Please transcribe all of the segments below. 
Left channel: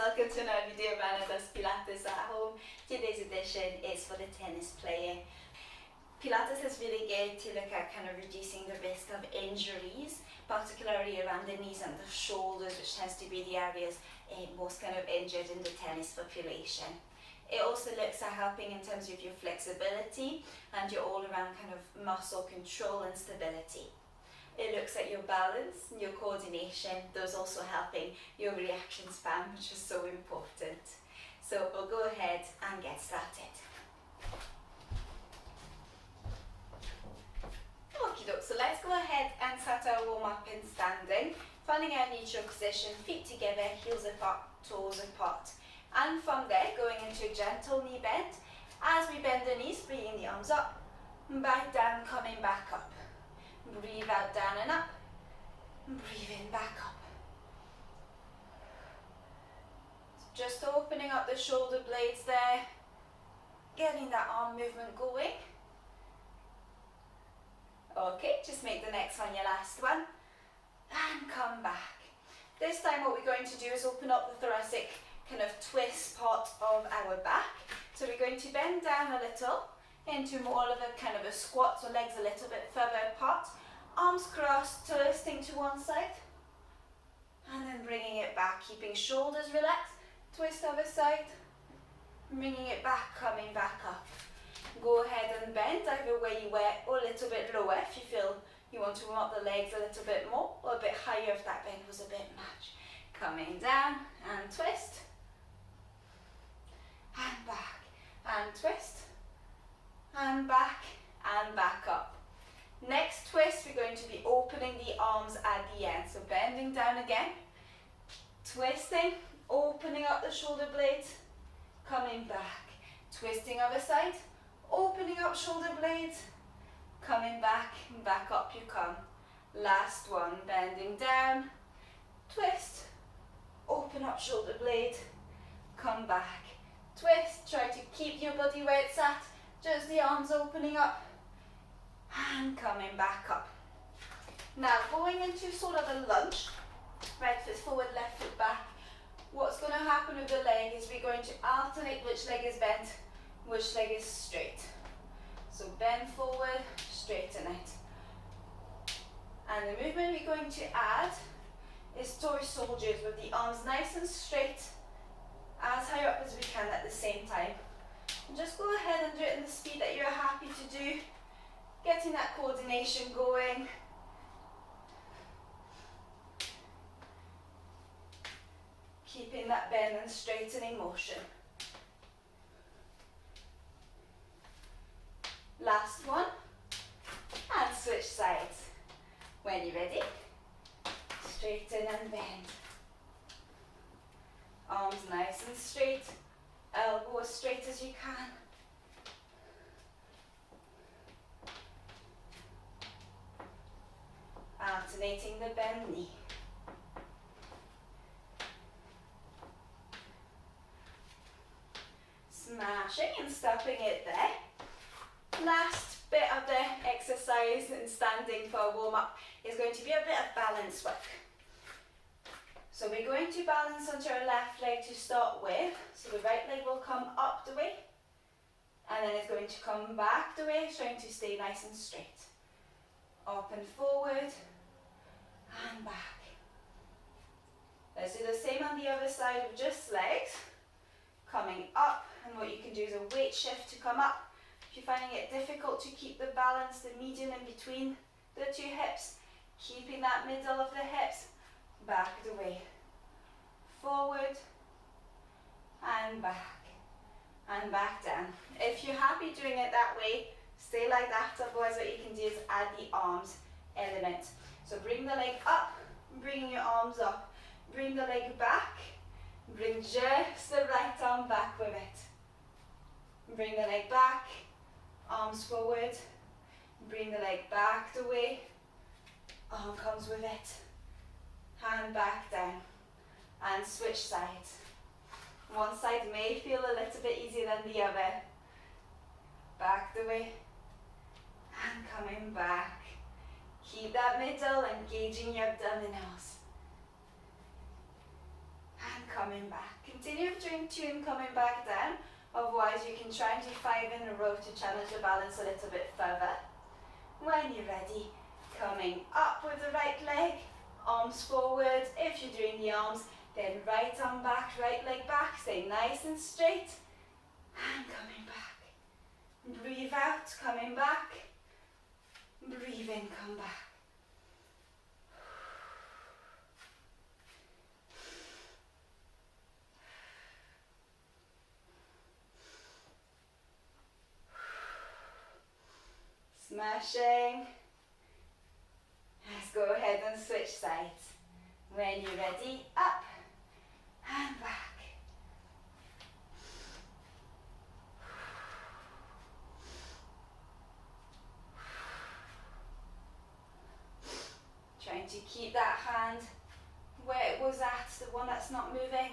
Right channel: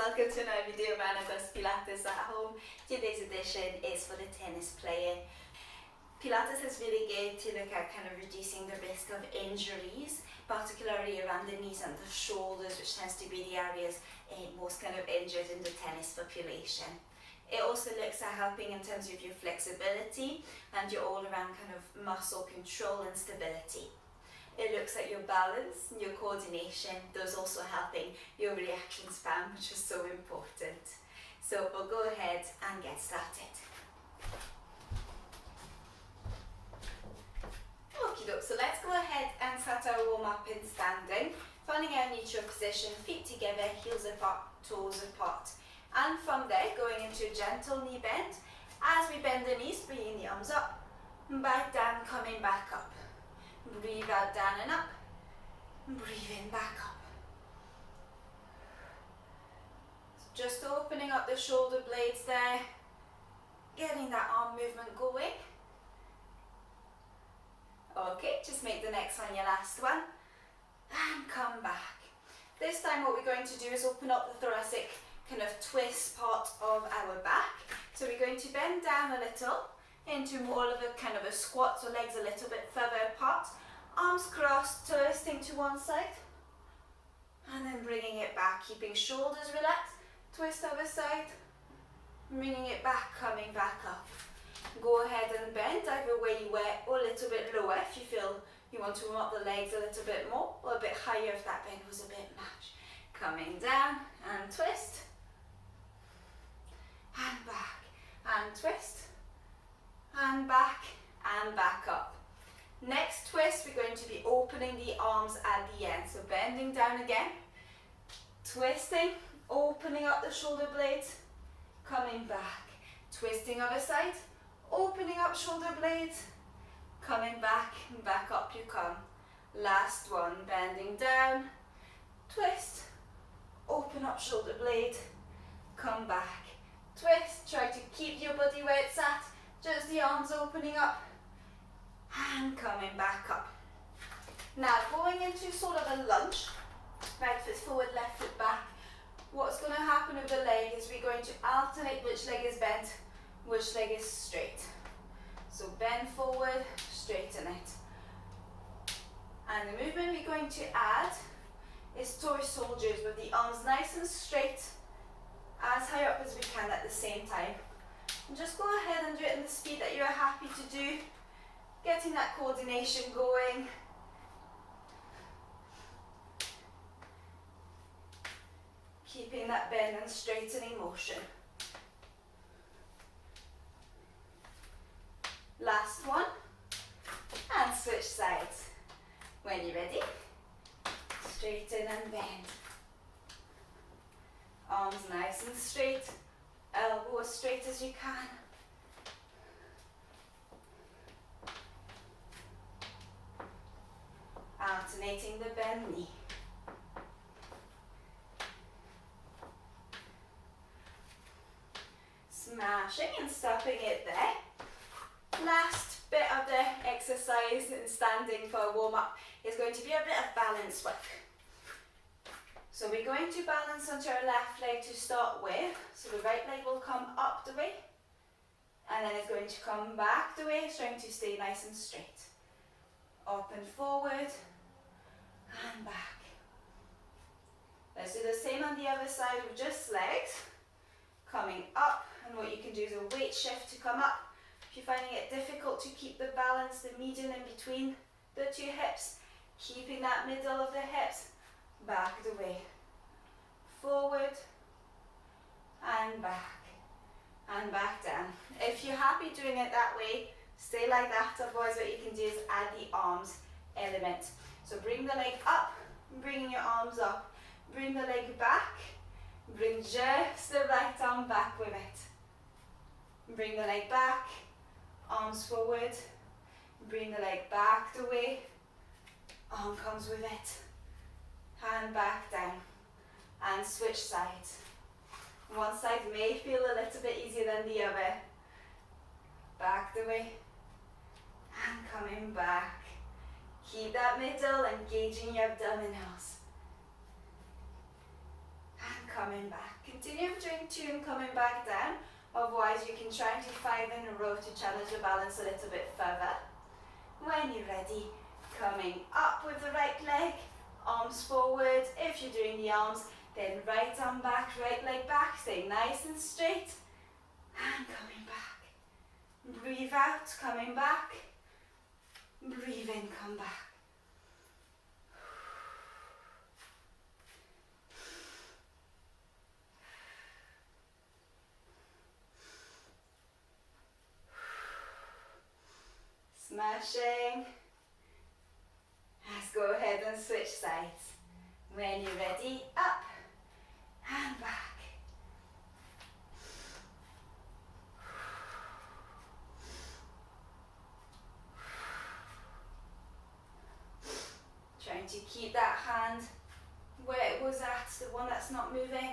welcome to another video of Anna Does Pilates at Home. Today's edition is for the tennis player. Pilates is really good to look at kind of reducing the risk of injuries, particularly around the knees and the shoulders, which tends to be the areas most kind of injured in the tennis population. It also looks at helping in terms of your flexibility and your all-around kind of muscle control and stability. It looks at your balance, your coordination, those also helping your reaction span, which is so important. So we'll go ahead and get started. Okie doke, so let's go ahead and start our warm up in standing, finding our neutral position, feet together, heels apart, toes apart. And from there, going into a gentle knee bend. As we bend the knees, bringing the arms up, back down, coming back up. Breathe out, down and up. Breathe in, back up. Just opening up the shoulder blades there, getting that arm movement going. Okay, just make the next one your last one. And come back. This time what we're going to do is open up the thoracic kind of twist part of our back. So we're going to bend down a little into more of a kind of a squat, so legs a little bit further apart. Arms crossed, twisting to one side. And then bringing it back, keeping shoulders relaxed. Twist other side. Bringing it back, coming back up. Go ahead and bend either where you were or a little bit lower if you feel you want to warm up the legs a little bit more, or a bit higher if that bend was a bit much. Coming down and twist. And back. And twist. And back up. Next twist, we're going to be opening the arms at the end. So bending down again, twisting, opening up the shoulder blades, coming back, twisting other side, opening up shoulder blades, coming back, and back up you come. Last one, bending down, twist, open up shoulder blade, come back, twist, try to keep your body where it's at, just the arms opening up, and coming back up. Now going into sort of a lunge, right foot forward, left foot back. What's going to happen with the leg is we're going to alternate which leg is bent, which leg is straight. So bend forward, straighten it. And the movement we're going to add is toy soldiers with the arms nice and straight, as high up as we can at the same time. And just go ahead and do it in the speed that you're happy to do. Getting that coordination going. Keeping that bend and straightening motion. Last one. And switch sides. When you're ready, straighten and bend. Arms nice and straight. Elbow as straight as you can. Alternating the bend knee. Smashing and stopping it there. Last bit of the exercise in standing for a warm-up is going to be a bit of balance work. So we're going to balance onto our left leg to start with. So the right leg will come up the way, and then it's going to come back the way, trying to stay nice and straight. Up and forward, and back. Let's do the same on the other side with just legs. Coming up, and what you can do is a weight shift to come up. If you're finding it difficult to keep the balance, the median in between the two hips, keeping that middle of the hips, back the way. Forward, and back down. If you're happy doing it that way, stay like that, otherwise what you can do is add the arms element. So bring the leg up, bringing your arms up, bring the leg back, bring just the right arm back with it. Bring the leg back, arms forward, bring the leg back the way, arm comes with it, hand back down, and switch sides. One side may feel a little bit easier than the other. Back the way, and coming back. Keep that middle, engaging your abdominals. And coming back. And Continue doing 2 and coming back down. Otherwise you can try and do 5 in a row to challenge your balance a little bit further. When you're ready, coming up with the right leg, arms forward. If you're doing the arms, then right arm back, right leg back. Stay nice and straight. And coming back. Breathe out, coming back. Breathe in, come back. Smashing. Let's go ahead and switch sides. When you're ready, up and back. Trying to keep that hand where it was at, the one that's not moving.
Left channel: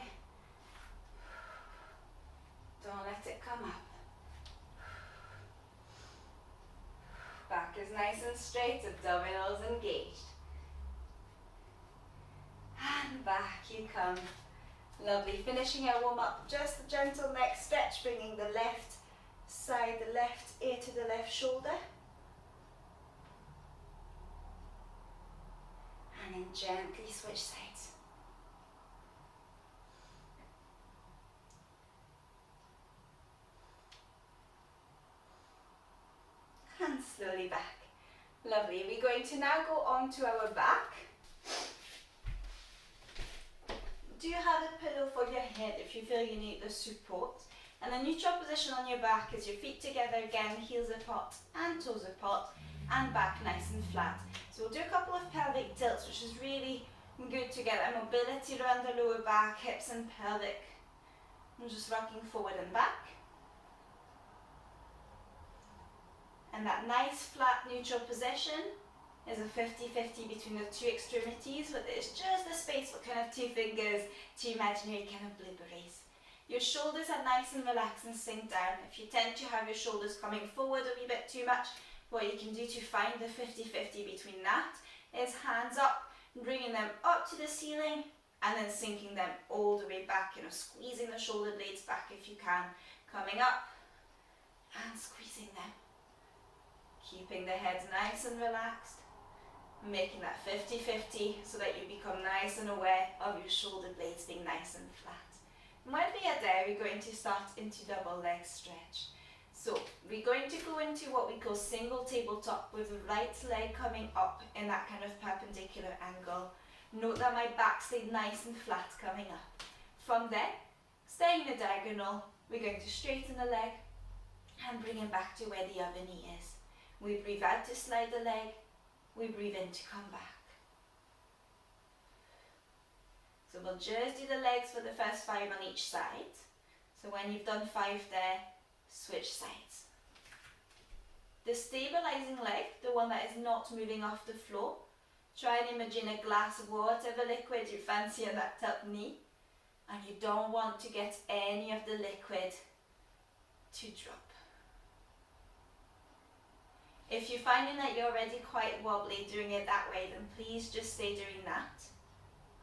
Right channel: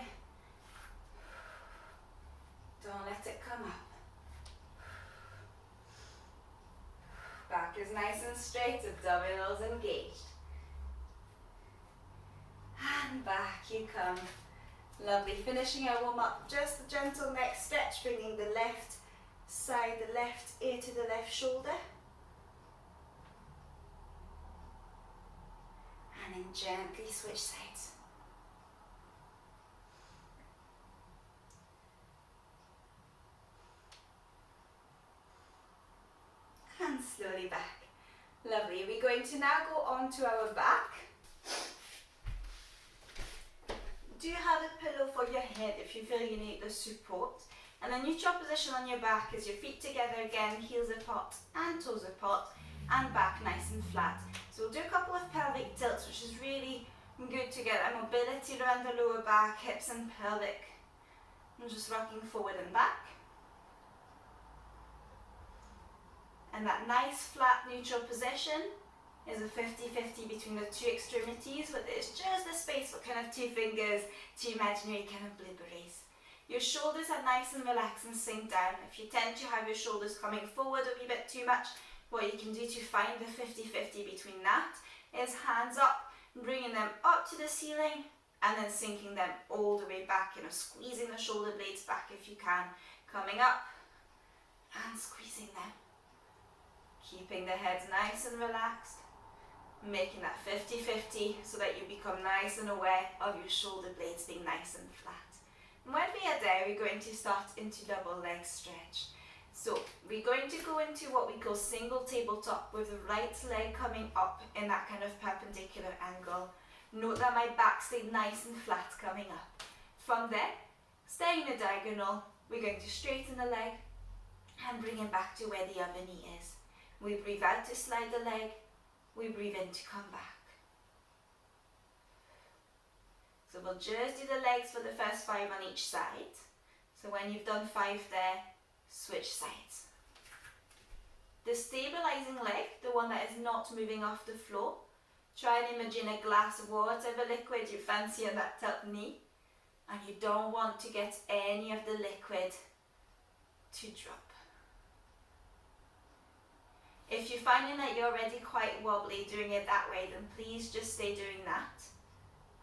Don't let it come up. Back is nice and straight, abdominals engaged. And back you come. Lovely. Finishing our warm up, just a gentle neck stretch, bringing the left side, the left ear to the left shoulder. And then gently switch sides. And slowly back. Lovely. We're going to now go on to our back. Do have a pillow for your head if you feel you need the support. And a neutral position on your back is your feet together again, heels apart and toes apart, and back nice and flat. So we'll do a couple of pelvic tilts, which is really good to get that mobility around the lower back, hips and pelvic. I'm just rocking forward and back. And that nice flat neutral position is a 50-50 between the two extremities, but it's just the space for kind of 2 fingers, 2 imaginary kind of blueberries. Your shoulders are nice and relaxed and sink down. If you tend to have your shoulders coming forward a wee bit too much, what you can do to find the 50-50 between that is hands up, bringing them up to the ceiling and then sinking them all the way back, squeezing the shoulder blades back if you can, coming up and squeezing them. Keeping the head nice and relaxed, making that 50-50 so that you become nice and aware of your shoulder blades being nice and flat. And when we are there, we're going to start into double leg stretch. So we're going to go into what we call single tabletop with the right leg coming up in that kind of perpendicular angle. Note that my back stayed nice and flat coming up. From there, staying in the diagonal, we're going to straighten the leg and bring it back to where the other knee is. We breathe out to slide the leg, we breathe in to come back. So we'll just do the legs for the first 5 on each side. So when you've done 5 there, switch sides. The stabilizing leg, the one that is not moving off the floor, try and imagine a glass of whatever liquid you fancy on that top knee, and you don't want to get any of the liquid to drop. If you're finding that you're already quite wobbly doing it that way, then please just stay doing that.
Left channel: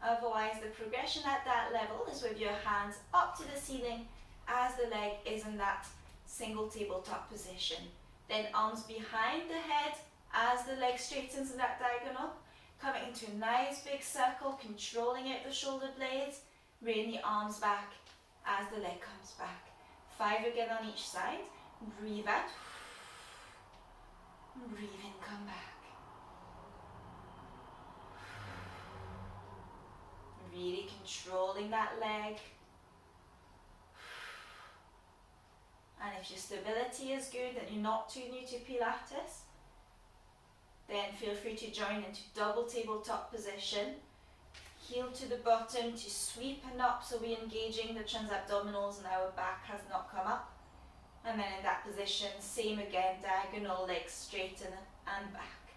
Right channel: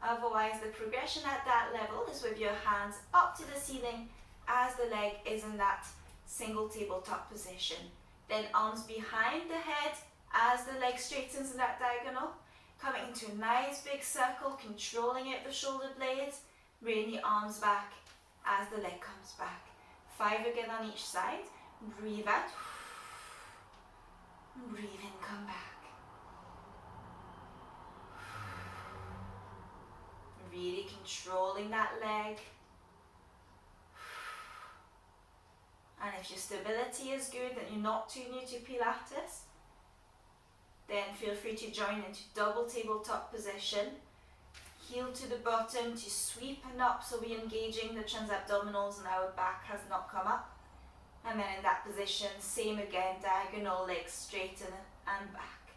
Otherwise, the progression at that level is with your hands up to the ceiling as the leg is in that single tabletop position. Then arms behind the head as the leg straightens in that diagonal, coming into a nice big circle, controlling out the shoulder blades, bringing the arms back as the leg comes back. 5 again on each side. Breathe out. Breathe in, come back. Really controlling that leg. And if your stability is good and you're not too new to Pilates, then feel free to join into double tabletop position. Heel to the bottom to sweep and up, so we're engaging the transabdominals and our back has not come up. And then in that position, same again, diagonal legs straighten and back.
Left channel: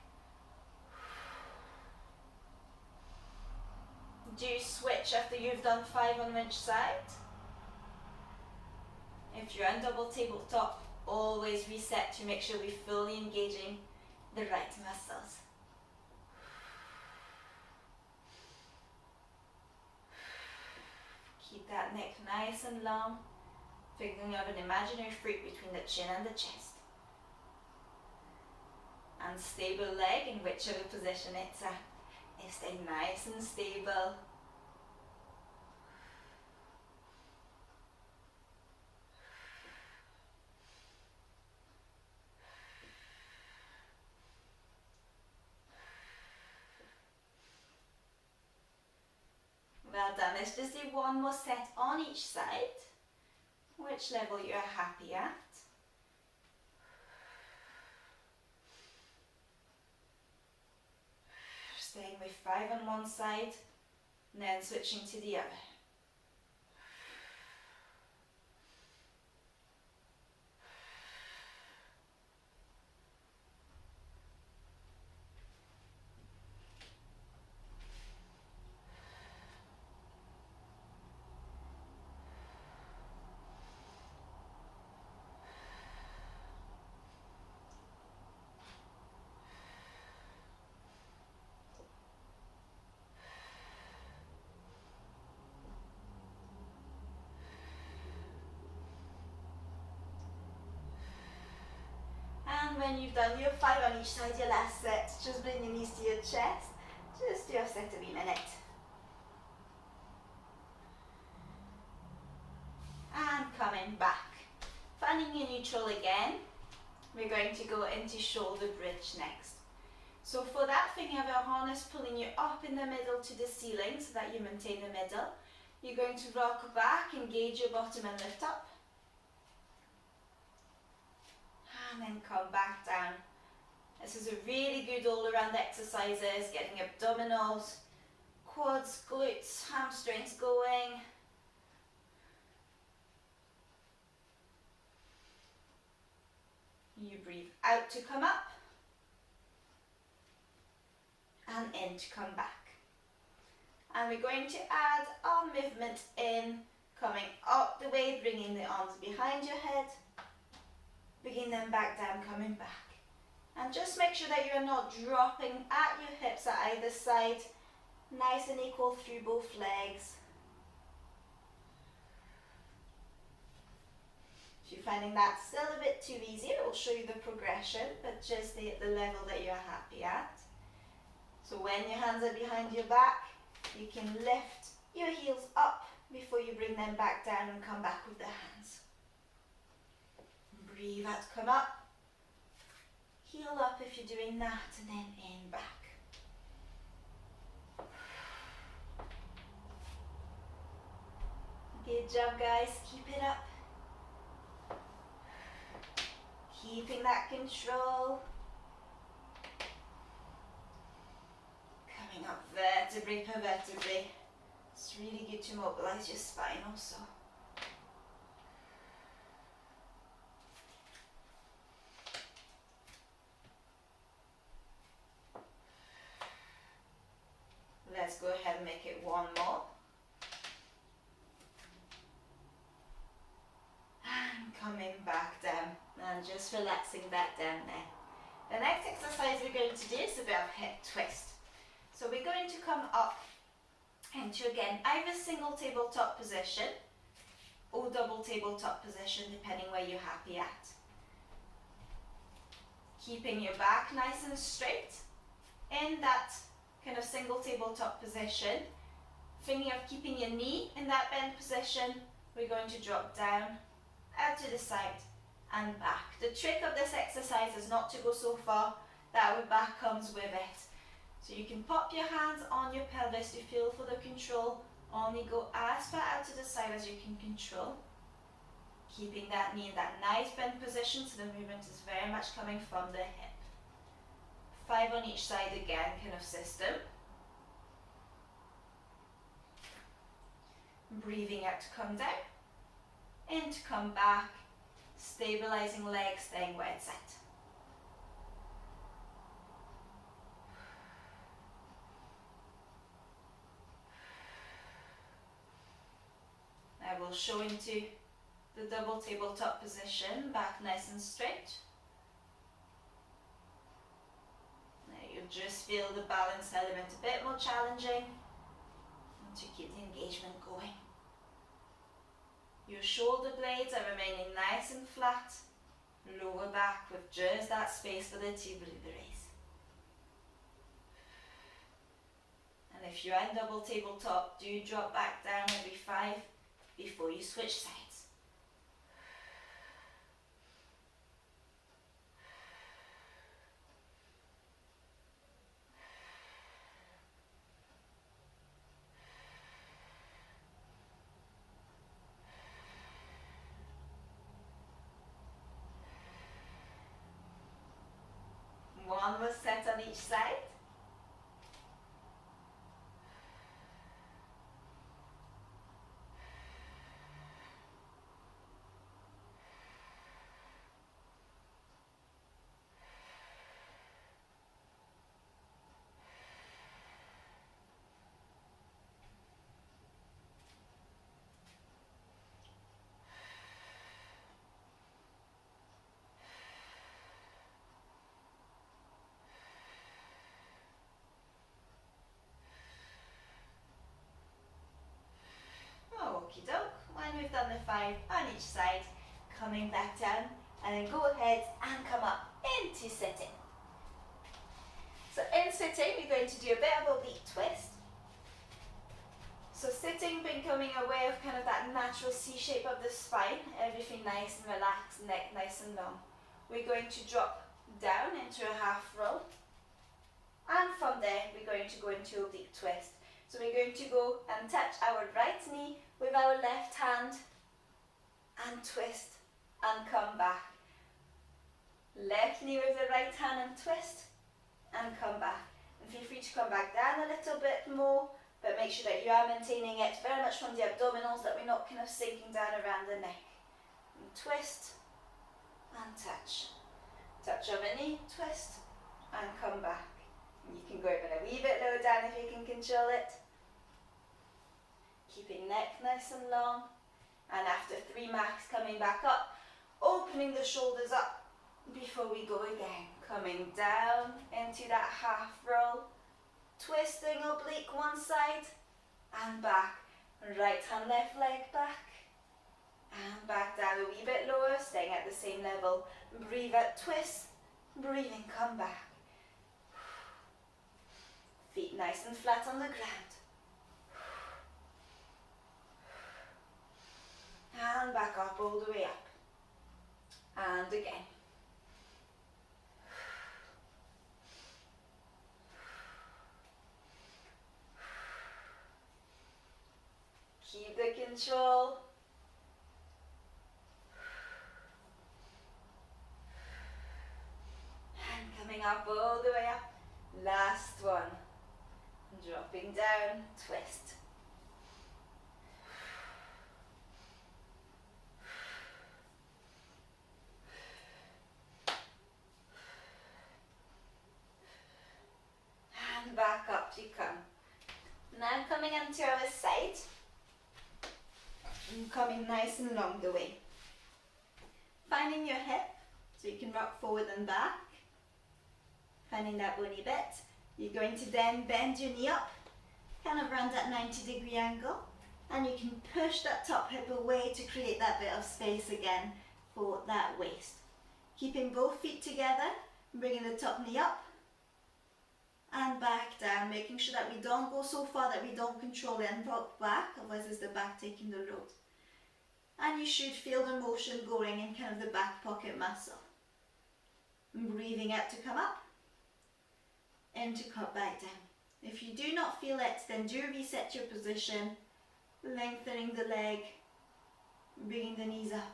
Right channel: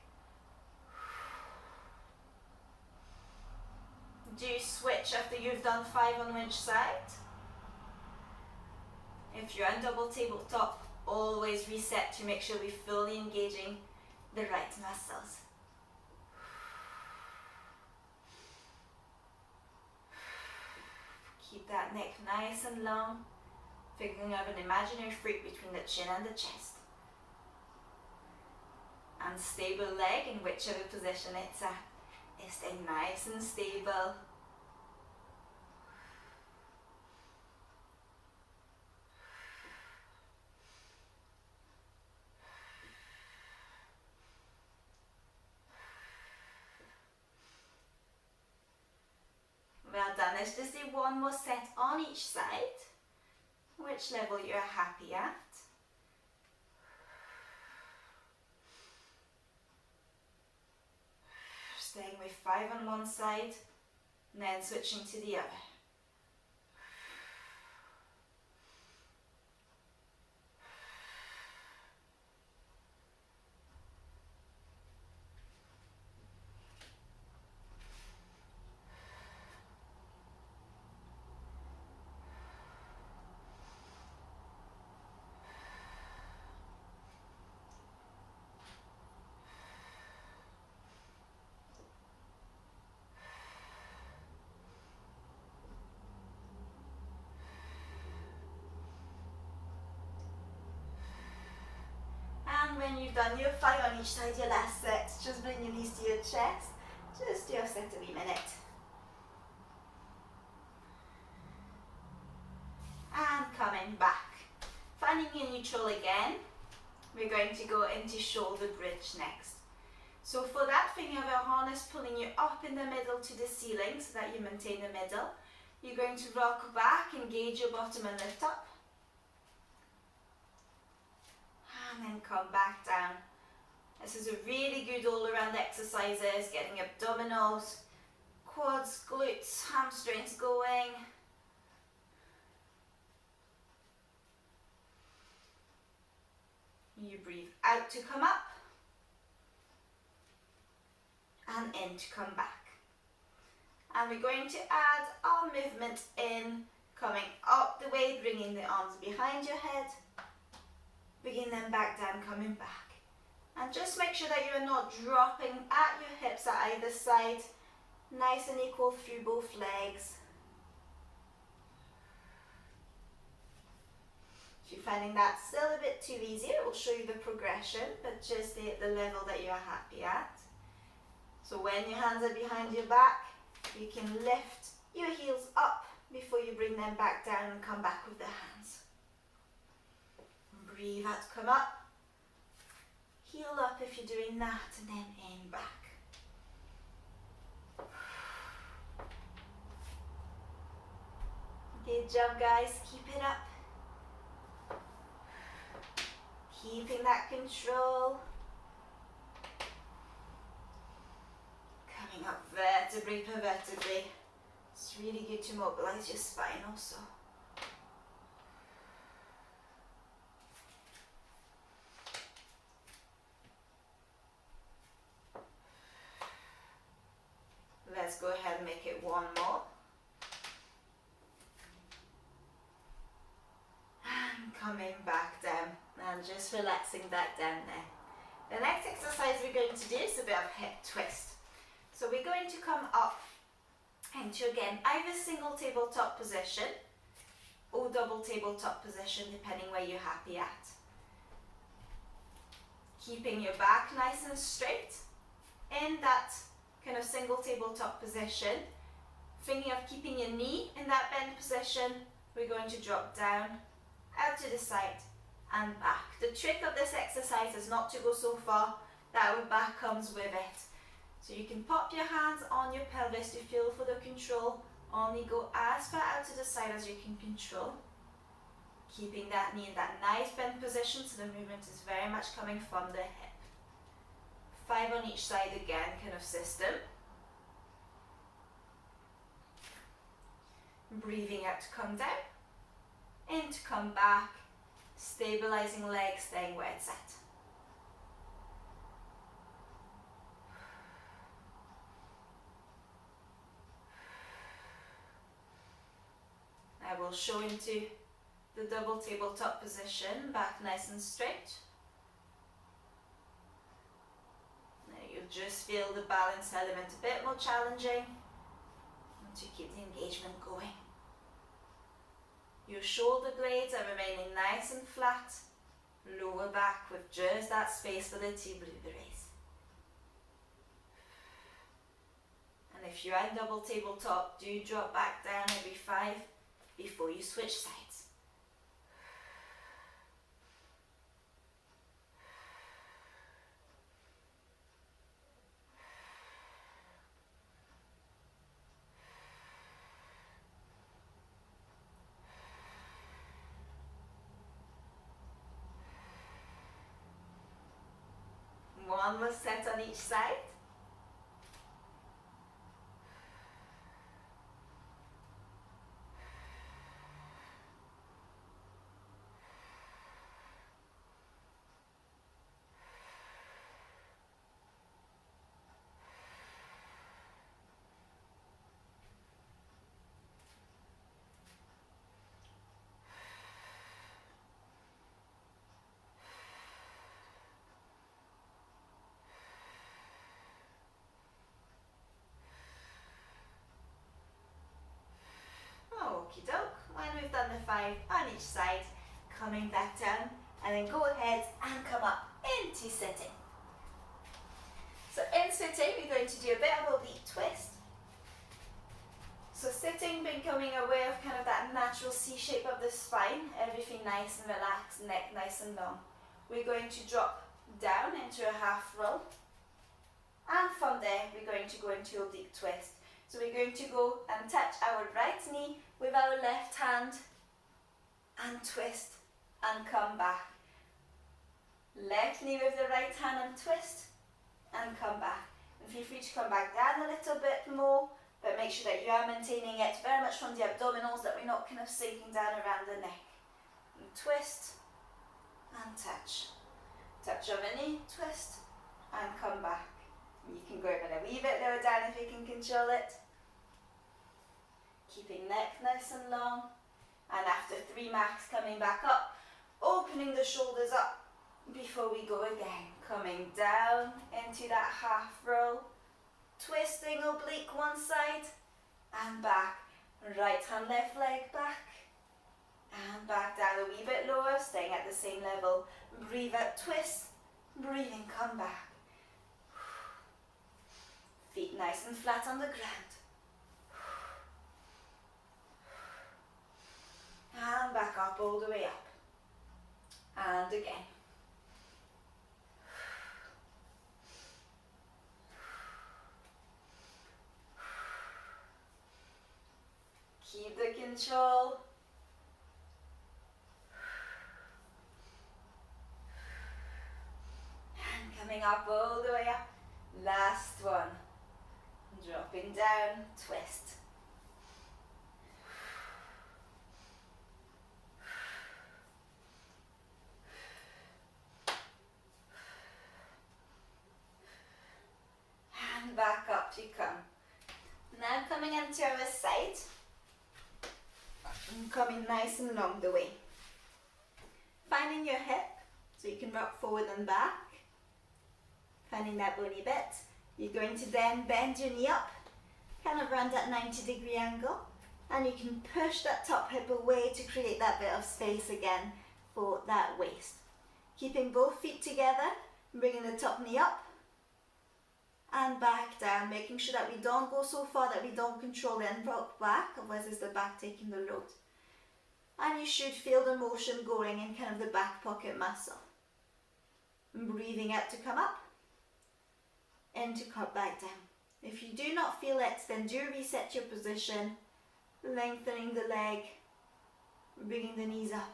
Do switch after you've done 5 on each side. If you're on double tabletop, always reset to make sure we're fully engaging the right muscles. Keep that neck nice and long, thinking of an imaginary fruit between the chin and the chest. And stable leg in whichever position it's at. Stay nice and stable. Well done. Let's just do one more set on each side. Which level you're happy at. Staying with 5 on one side, and then switching to the other. And when you've done your 5 on each side, your last set, just bring your knees to your chest. Just do a set every minute. And coming back. Finding your neutral again. We're going to go into shoulder bridge next. So for that, think of a harness pulling you up in the middle to the ceiling so that you maintain the middle. You're going to rock back, engage your bottom and lift up. And then come back down. This is a really good all-around exercises, getting abdominals, quads, glutes, hamstrings going. You breathe out to come up and in to come back. And we're going to add our movement in, coming up the way, bringing the arms behind your head, bringing them back down, coming back. And just make sure that you're not dropping at your hips at either side. Nice and equal through both legs. If you're finding that still a bit too easy, it will show you the progression, but just stay at the level that you're happy at. So when your hands are behind your back, you can lift your heels up before you bring them back down and come back with the hands. Breathe out, come up. Heel up if you're doing that, and then in back. Good job, guys. Keep it up. Keeping that control. Coming up vertebrae per vertebrae. It's really good to mobilize your spine also. Let's go ahead and make it one more. And coming back down and just relaxing back down there. The next exercise we're going to do is a bit of hip twist. So we're going to come up into, again, either single tabletop position or double tabletop position, depending where you're happy at. Keeping your back nice and straight in that kind of single tabletop position. Thinking of keeping your knee in that bend position, we're going to drop down, out to the side and back. The trick of this exercise is not to go so far that our back comes with it. So you can pop your hands on your pelvis to feel for the control. Only go as far out to the side as you can control. Keeping that knee in that nice bend position so the movement is very much coming from the hip. 5 on each side again, kind of system. Breathing out to come down, in to come back, stabilizing legs, staying where it's at. I will show into the double tabletop position, back nice and straight. You'll just feel the balance element a bit more challenging and to keep the engagement going. Your shoulder blades are remaining nice and flat. Lower back with just that space for the tibial raise. And if you're in double tabletop, do drop back down every 5 before you switch sides. One more set on each side. Okie doke. When we've done the 5 on each side, coming back down, and then go ahead and come up into sitting. So in sitting, we're going to do a bit of oblique twist. So sitting, becoming aware of kind of that natural C shape of the spine, everything nice and relaxed, neck nice and long. We're going to drop down into a half roll, and from there we're going to go into oblique twist. So we're going to go and touch our right knee with our left hand and twist and come back. Left knee with the right hand and twist and come back. And feel free to come back down a little bit more, but make sure that you are maintaining it very much from the abdominals, that we're not kind of sinking down around the neck. And twist and touch. Touch on the knee, twist and come back. You can go even a wee bit lower down if you can control it. Keeping neck nice and long. And after 3 max, coming back up, opening the shoulders up before we go again. Coming down into that half roll. Twisting oblique one side and back. Right hand, left leg back. And back down a wee bit lower, staying at the same level. Breathe out, twist. Breathing, come back. Feet nice and flat on the ground. And back up all the way up. And again. Keep the control. And coming up all the way up. Last one. Dropping down, twist. And back up you come. Now coming onto our side. And coming nice and long the way. Finding your hip, so you can rock forward and back. Finding that bony bit. You're going to then bend your knee up, kind of around that 90-degree angle, and you can push that top hip away to create that bit of space again for that waist. Keeping both feet together, bringing the top knee up and back down, making sure that we don't go so far that we don't control it and rock back, otherwise it's the back taking the load. And you should feel the motion going in kind of the back pocket muscle. Breathing out to come up. And to cut back down. If you do not feel it, then do reset your position, lengthening the leg, bringing the knees up.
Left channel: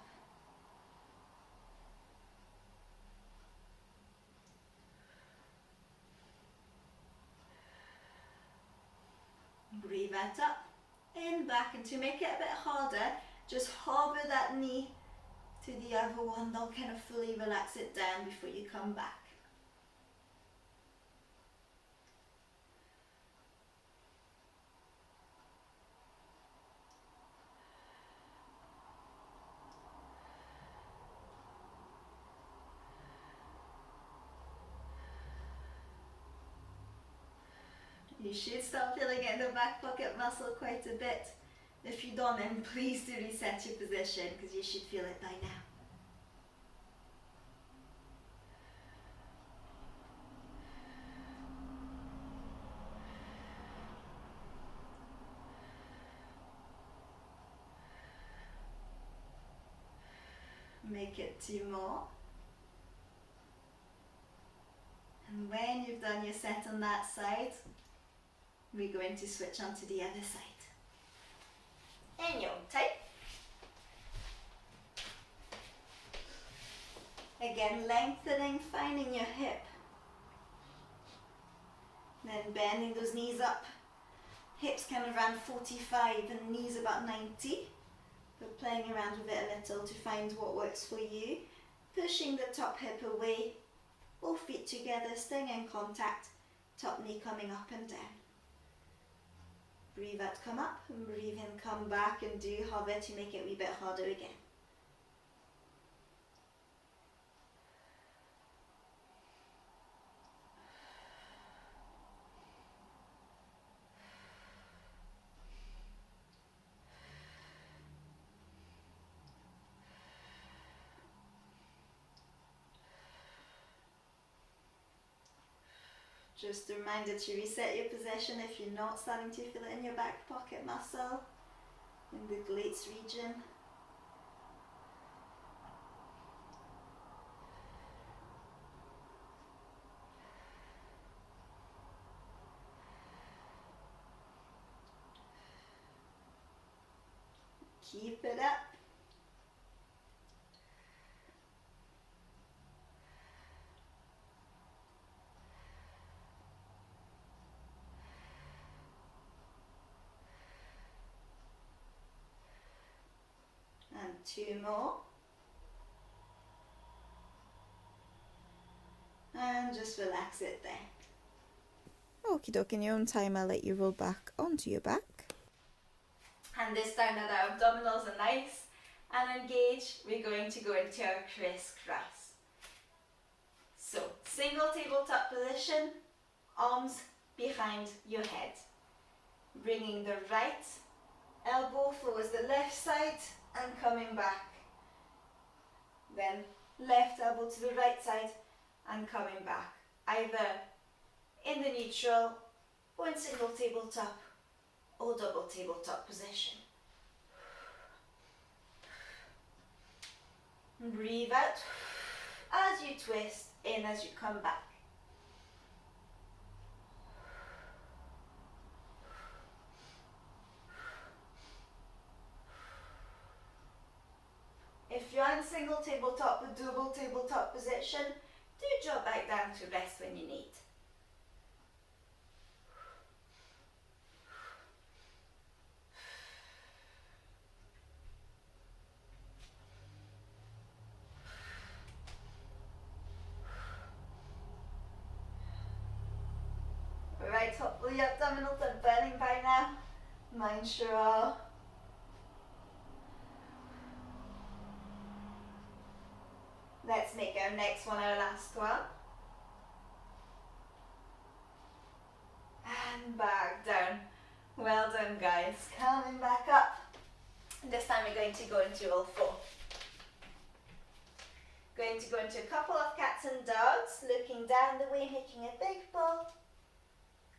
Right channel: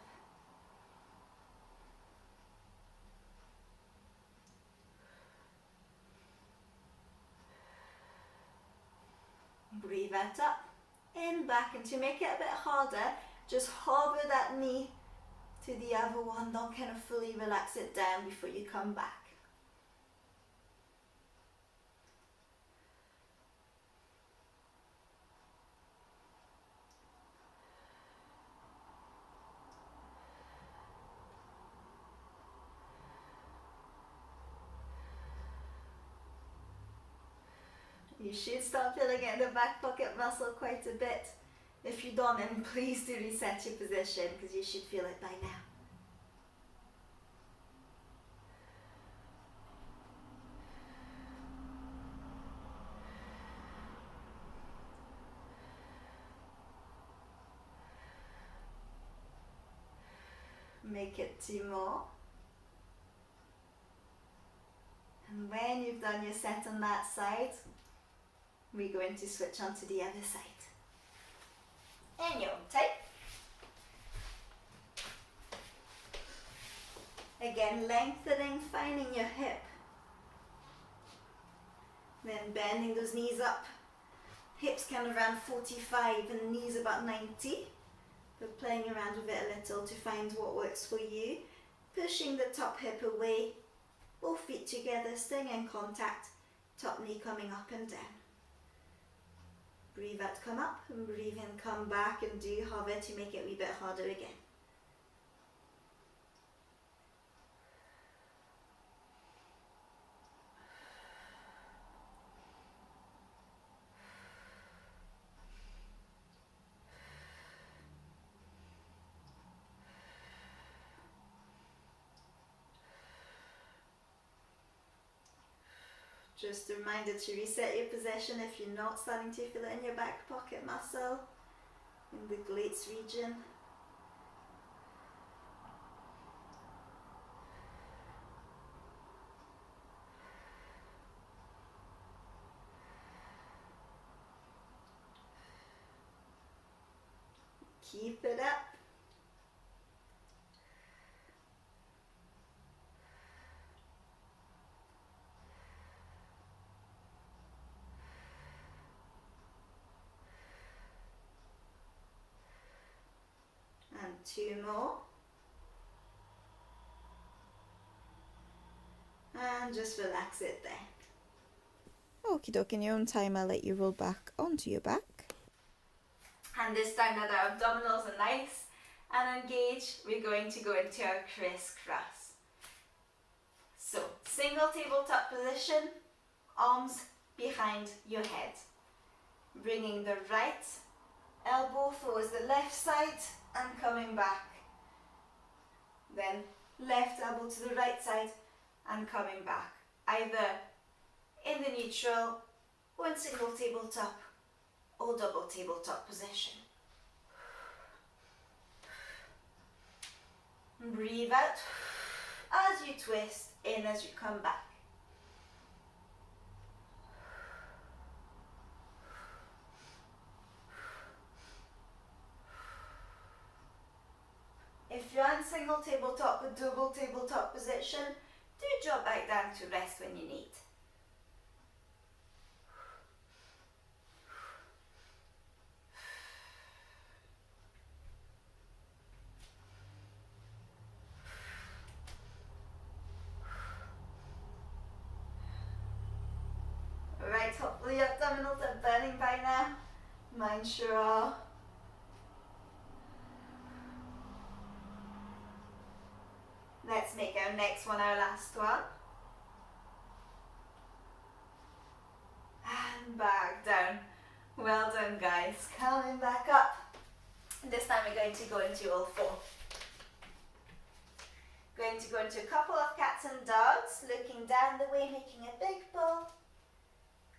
Breathe that up, in, back, and to make it a bit harder, just hover that knee to the other one, don't kind of fully relax it down before you come back. You should start feeling it in the back pocket muscle quite a bit If you don't, then please do reset your position because you should feel it by now. Make it 2 more. And when you've done your set on that side, we're going to switch on to the other side. In your own time. Again, lengthening, finding your hip. Then bending those knees up. Hips kind of around 45 and knees about 90. But playing around with it a little to find what works for you. Pushing the top hip away. Both feet together, staying in contact. Top knee coming up and down. Breathe out, come up, and breathe in, come back, and do hover to make it a wee bit harder again. Just a reminder to reset your position if you're not starting to feel it in your back pocket muscle, in the glutes region. Keep it up. And 2 more. And just relax it there. Okie dokie, in your own time, I'll let you roll back onto your back. And this time that our abdominals are nice and engaged, we're going to go into our crisscross. So, single tabletop position, arms behind your head. Bringing the right elbow towards the left side and coming back. Then left elbow to the right side and coming back. Either in the neutral or in single tabletop or double tabletop position. Breathe out as you twist, in as you come back. If you're in single tabletop or double tabletop position, do drop back down to rest when you need. Right, hopefully your abdominals are burning by now. Mine sure are. Let's make our next one our last one. And back down. Well done, guys. Coming back up. This time we're going to go into all 4. Going to go into a couple of cats and dogs, looking down the way, making a big ball.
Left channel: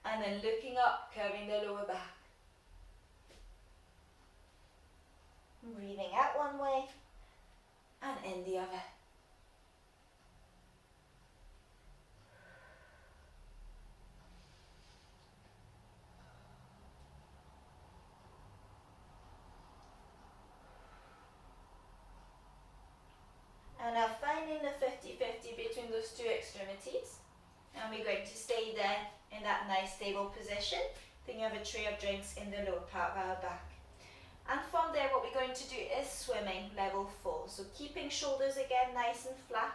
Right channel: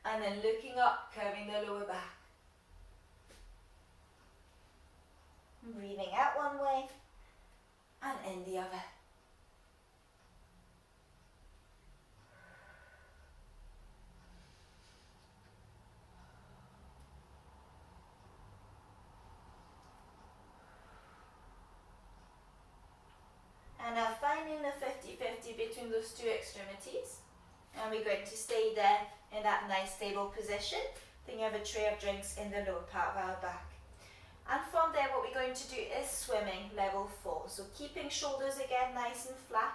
And then looking up, curving the lower back. Breathing out one way and in the other. And now finding the 50-50 between those 2 extremities. And we're going to stay there in that nice stable position. Then you have a tray of drinks in the lower part of our back. And from there what we're going to do is swimming level 4. So keeping shoulders again nice and flat.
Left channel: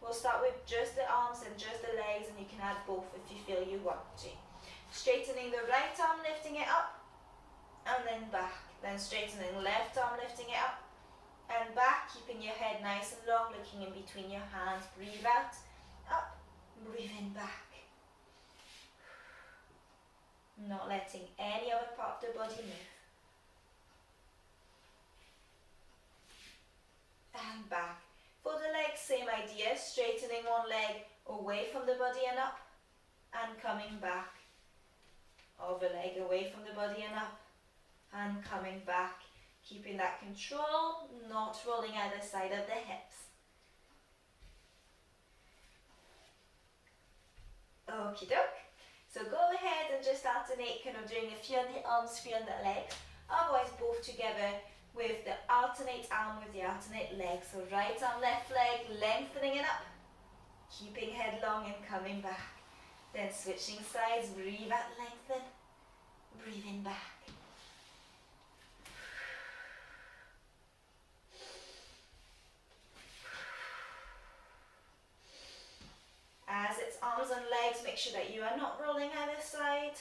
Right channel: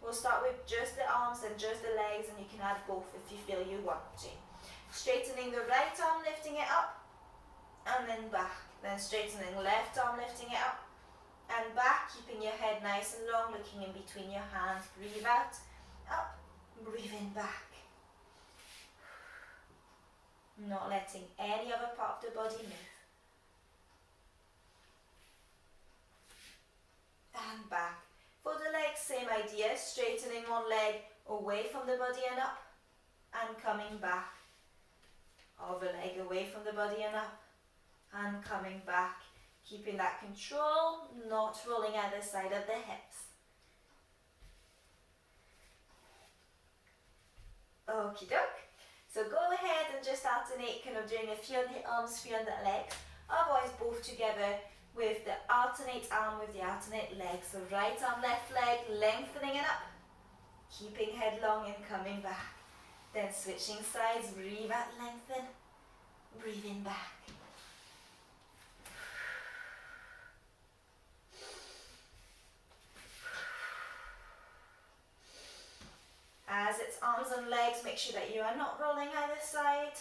We'll start with just the arms and just the legs, and you can add both if you feel you want to. Straightening the right arm, lifting it up, and then back. Then straightening left arm, lifting it up, and back, keeping your head nice and long, looking in between your hands. Breathe out, up, breathe in, back. Not letting any other part of the body move. and back. For the legs, same idea, straightening one leg away from the body and up, and coming back. Other leg away from the body and up, and coming back. Keeping that control, not rolling either side of the hips. Okie doke. So go ahead and just alternate, kind of doing a few on the arms, few on the legs. Otherwise, both together with the alternate arm with the alternate leg. So right arm, left leg, lengthening it up. Keeping head long and coming back. Then switching sides, breathe out, lengthen. Breathing back. As it's arms and legs, make sure that you are not rolling either side.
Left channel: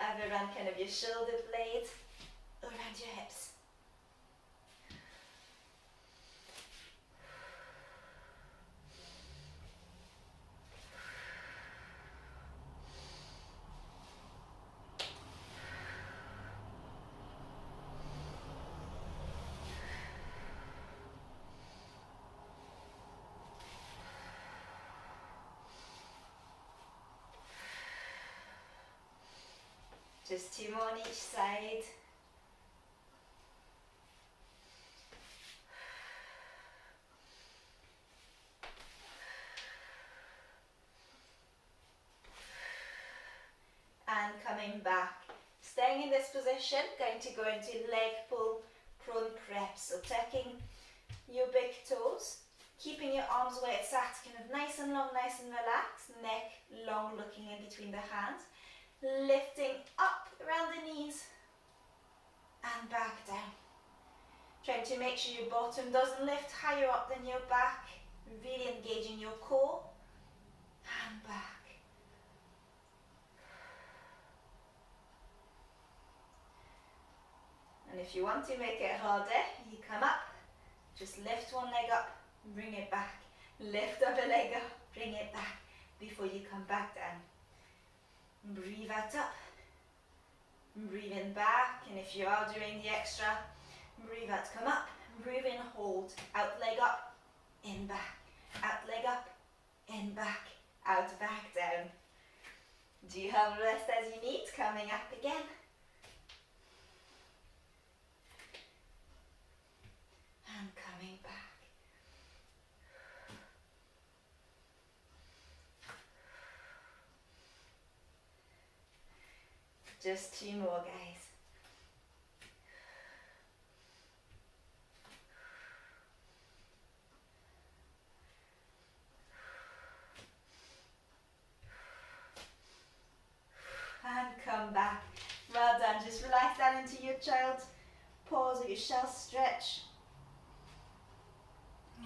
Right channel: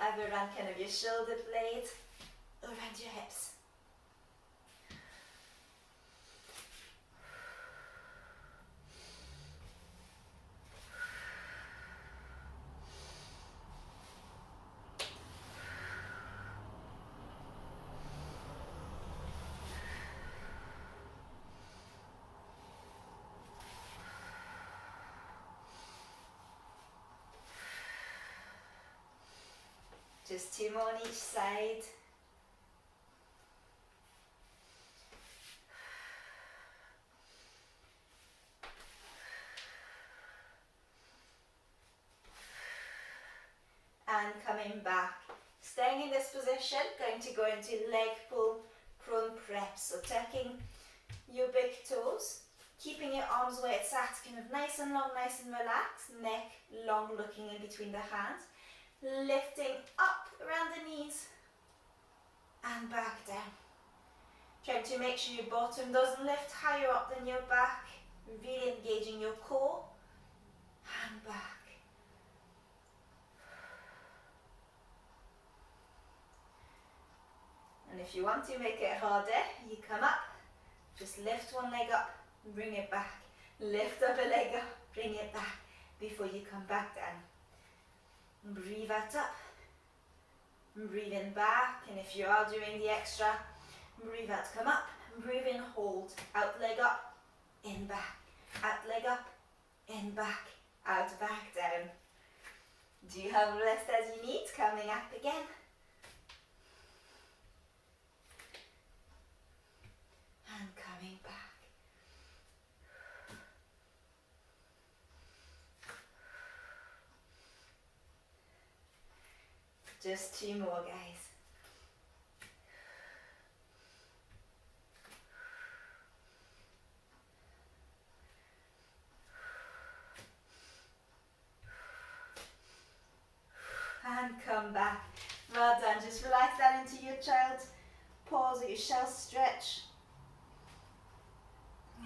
Either around kind of your shoulder blade, around your hips. Just 2 more on each side. And coming back. Staying in this position, going to go into leg pull, prone prep. So tucking your big toes, keeping your arms where it's at, kind of nice and long, nice and relaxed. Neck long, looking in between the hands. Lifting up around the knees and back down. Trying to make sure your bottom doesn't lift higher up than your back. Really engaging your core and back. And if you want to make it harder, you come up, just lift one leg up, bring it back. Lift other leg up, bring it back before you come back down. Breathe out up, breathe in back, and if you are doing the extra, breathe out, come up, breathe in, hold, out leg up, in back, out leg up, in back, out back down. Do you have rest as you need? Coming up again. And coming back. Just 2 more, guys. And come back. Well done. Just relax down into your child's pose or your shell stretch.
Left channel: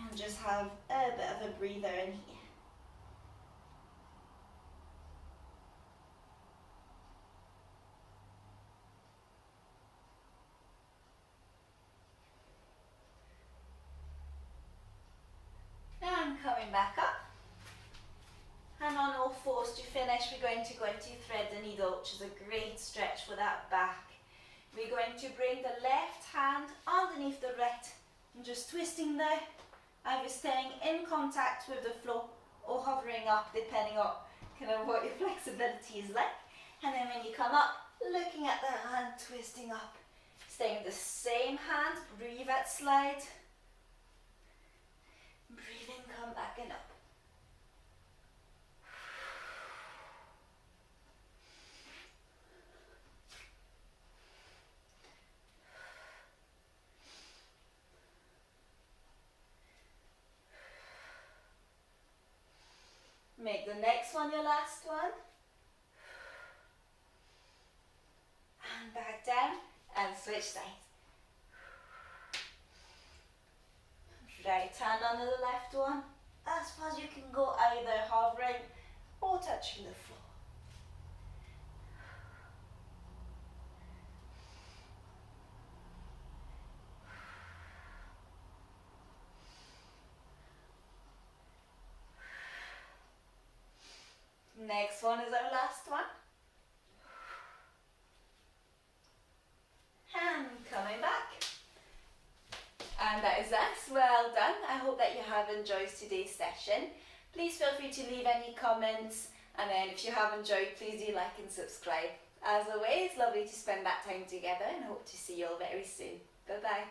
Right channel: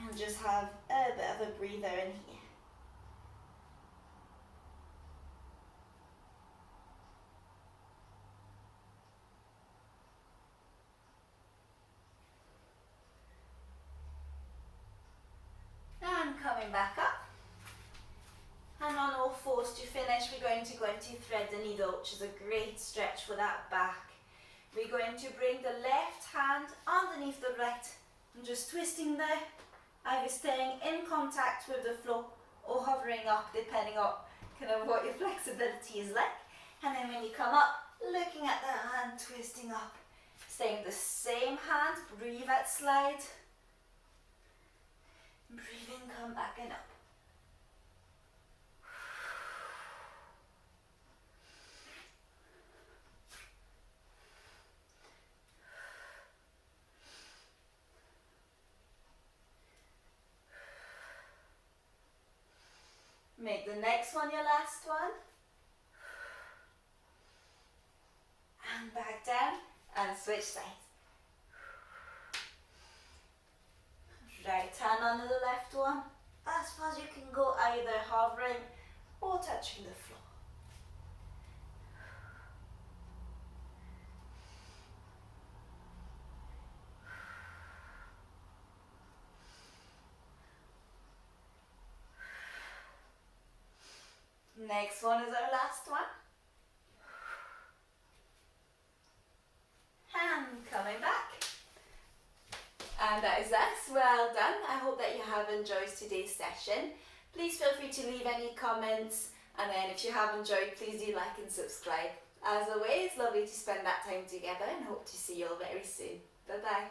And just have a bit of a breather in here. And coming back up. And on all fours to finish, we're going to go into thread the needle, which is a great stretch for that back. We're going to bring the left hand underneath the right and just twisting there, either staying in contact with the floor or hovering up, depending on kind of what your flexibility is like. And then when you come up, looking at the hand, twisting up, staying the same hand, breathe out, slide. Breathe in, come back and up. Make the next one your last one. And back down and switch sides. Right hand under the left one. As far as you can go, either hovering or touching the floor. Next one is our last one. And coming back. And that is us. Well done. everyone. I hope that you have enjoyed today's session. Please feel free to leave any comments, and then if you have enjoyed, please do like and subscribe. As always, lovely to spend that time together, and hope to see you all very soon. Bye bye.